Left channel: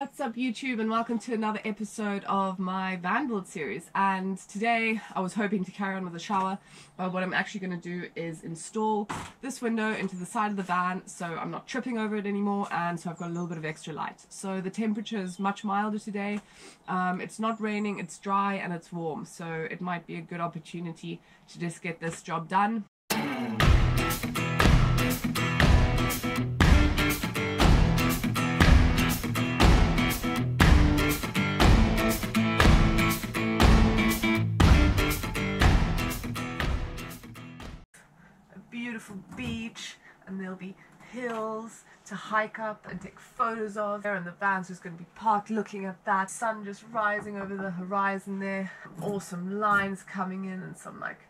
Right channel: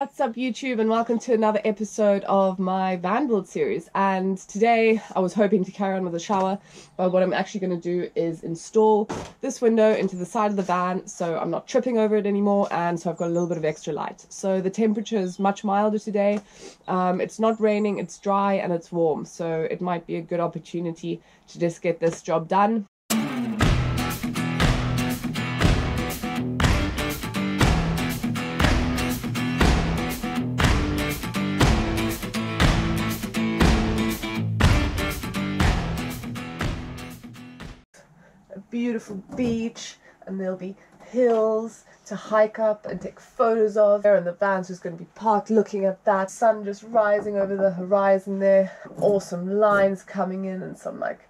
What's up YouTube, and welcome to another episode of my van build series. And today I was hoping to carry on with the shower, but what I'm actually going to do is install this window into the side of the van so I'm not tripping over it anymore, and so I've got a little bit of extra light. So the temperature is much milder today. It's not raining, it's dry and it's warm, so it might be a good opportunity to just get this job done. Beautiful beach, and there'll be hills to hike up and take photos of there, and the van's just going to be parked looking at that sun just rising over the horizon there. Awesome lines coming in and some like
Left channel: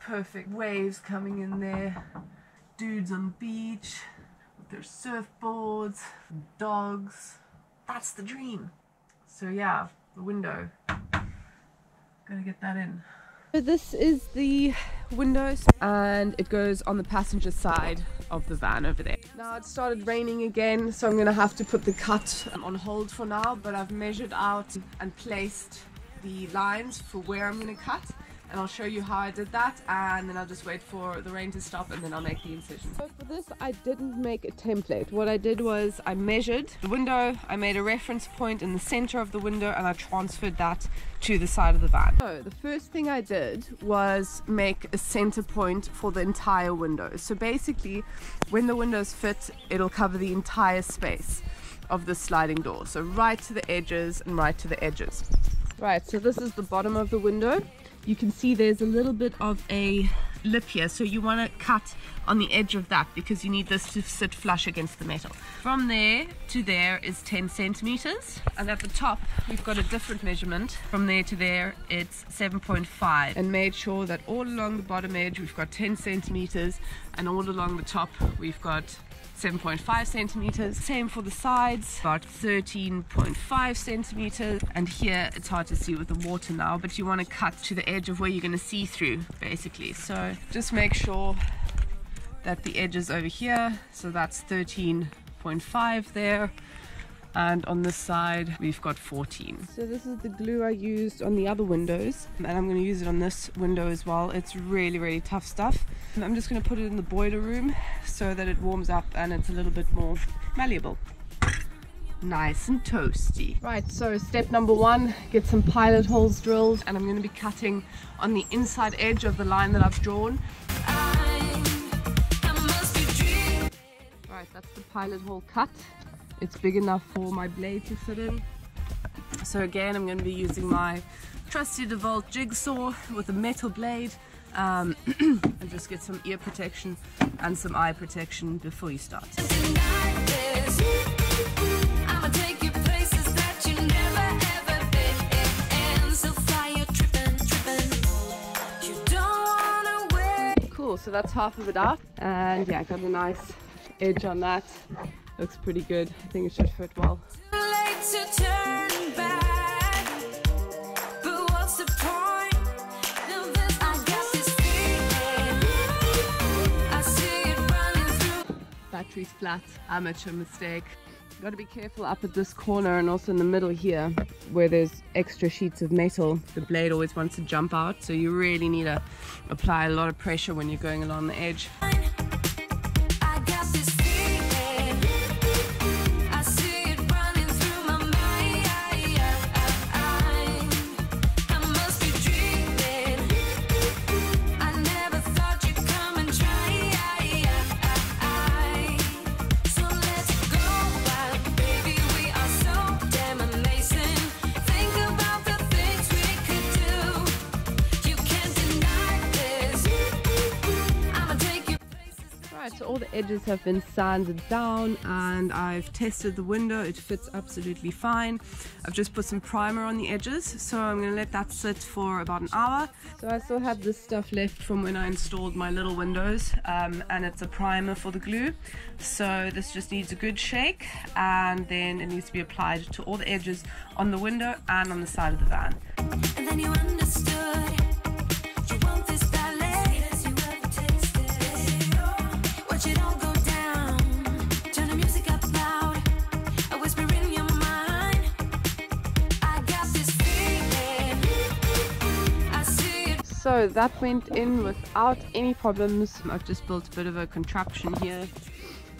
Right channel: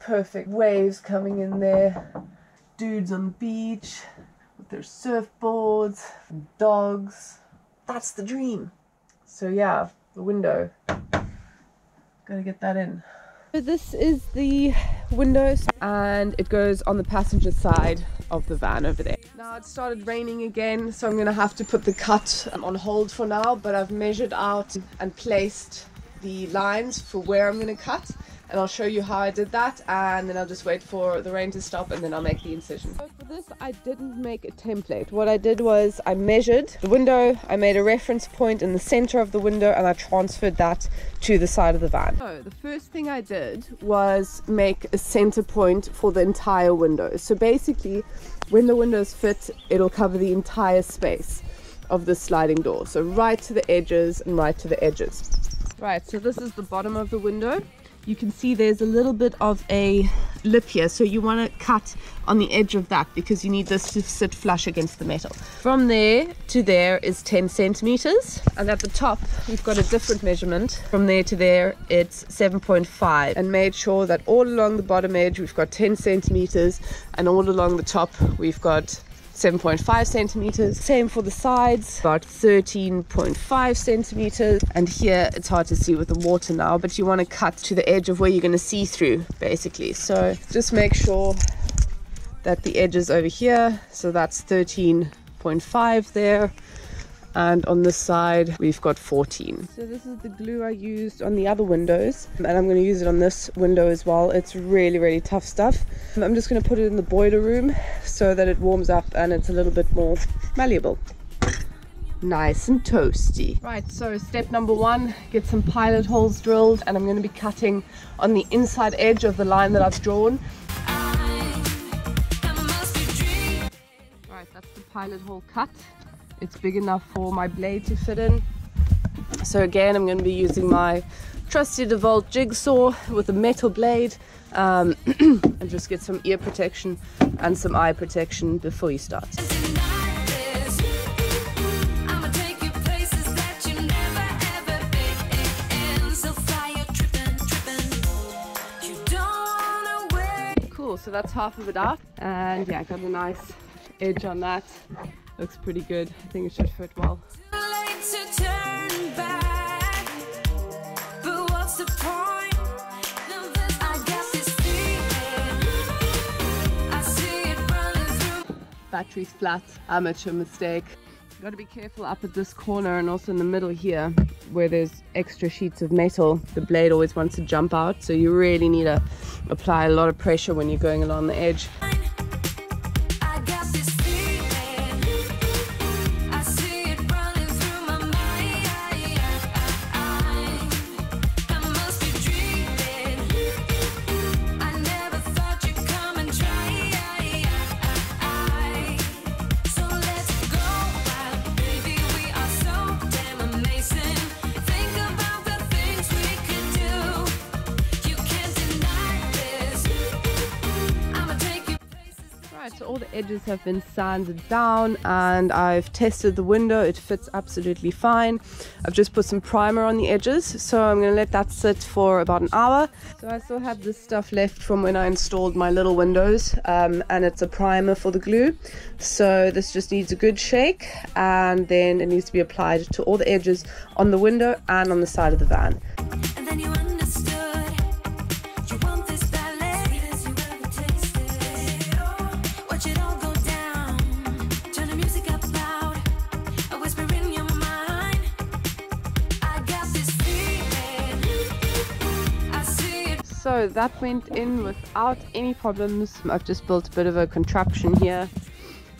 perfect waves coming in there. Dudes on the beach with their surfboards and dogs. That's the dream. So yeah, the window, gotta get that in. So this is the windows, and it goes on the passenger side of the van over there. Now it started raining again, so I'm gonna have to put the cut on hold for now, but I've measured out and placed the lines for where I'm gonna cut, and I'll show you how I did that, and then I'll just wait for the rain to stop and then I'll make the incision. So for this I didn't make a template. What I did was I measured the window, I made a reference point in the center of the window, and I transferred that to the side of the van. So the first thing I did was make a center point for the entire window. So basically when the windows fit, it'll cover the entire space of the sliding door. So right to the edges and right to the edges. Right, so this is the bottom of the window. You can see there's a little bit of a lip here, so you want to cut on the edge of that because you need this to sit flush against the metal. From there to there is 10 centimeters, and at the top we've got a different measurement. From there to there it's 7.5, and made sure that all along the bottom edge we've got 10 centimeters, and all along the top we've got 7.5 centimeters. Same for the sides, about 13.5 centimeters. And here it's hard to see with the water now, but you want to cut to the edge of where you're going to see through basically. So just make sure that the edge is over here, so that's 13.5 there, and on this side we've got 14. So this is the glue I used on the other windows, and I'm going to use it on this window as well. It's really tough stuff. I'm just going to put it in the boiler room so that it warms up and it's a little bit more malleable. Nice and toasty. Right, so step number one, get some pilot holes drilled, and I'm going to be cutting on the inside edge of the line that I've drawn. Right, that's the pilot hole cut. It's big enough for my blade to fit in. So again, I'm going to be using my trusty DeWalt jigsaw with a metal blade, and just get some ear protection and some eye protection before you start. Cool, so that's half of it out, and yeah, I got a nice edge on that. Looks pretty good. I think it should fit well. Battery's flat, amateur mistake. Got to be careful up at this corner and also in the middle here where there's extra sheets of metal. The blade always wants to jump out, so you really need to apply a lot of pressure when you're going along the edge. So all the edges have been sanded down, and I've tested the window. It fits absolutely fine. I've just put some primer on the edges, so I'm going to let that sit for about an hour. So I still have this stuff left from when I installed my little windows, and it's a primer for the glue. So this just needs a good shake, and then it needs to be applied to all the edges on the window and on the side of the van. And then you understood. Watch it all go down. Turn the music up loud. A whisper in your mind. So that went in without any problems. I've just built a bit of a contraption here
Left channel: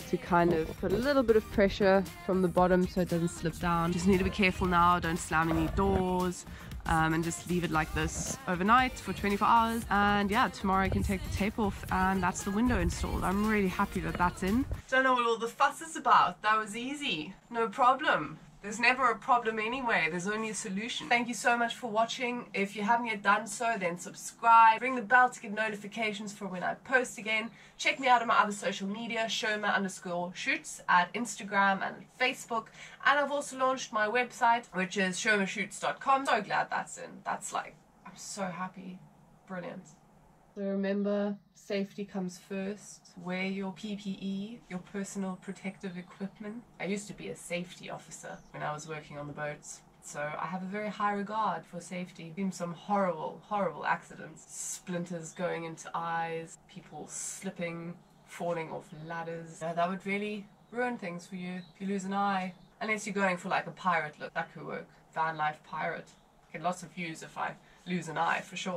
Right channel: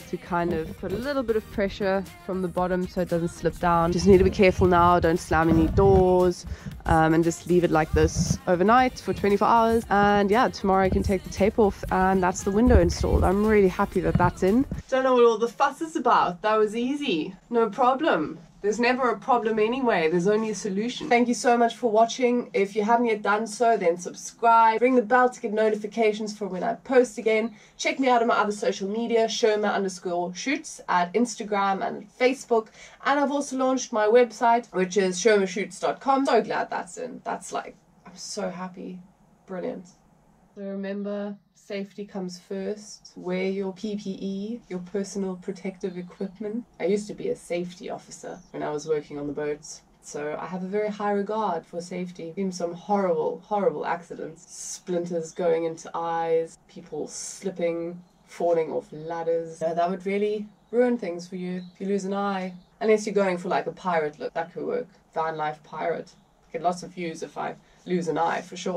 to kind of put a little bit of pressure from the bottom so it doesn't slip down. Just need to be careful now, don't slam any doors, and just leave it like this overnight for 24 hours. And yeah, tomorrow I can take the tape off and that's the window installed. I'm really happy that that's in. Don't know what all the fuss is about. That was easy, no problem. There's never a problem anyway, there's only a solution. Thank you so much for watching. If you haven't yet done so, then subscribe. Ring the bell to get notifications for when I post again. Check me out on my other social media, Schirmer_shoots at Instagram and Facebook. And I've also launched my website, which is SHirmerShoots.com. So glad that's in. That's like, I'm so happy. Brilliant. So remember, safety comes first. Wear your PPE, your personal protective equipment. I used to be a safety officer when I was working on the boats, so I have a very high regard for safety. Been some horrible, horrible accidents. Splinters going into eyes, people slipping, falling off ladders. That would really ruin things for you if you lose an eye. Unless you're going for like a pirate look, that could work. Van life pirate. Get lots of views if I lose an eye, for sure.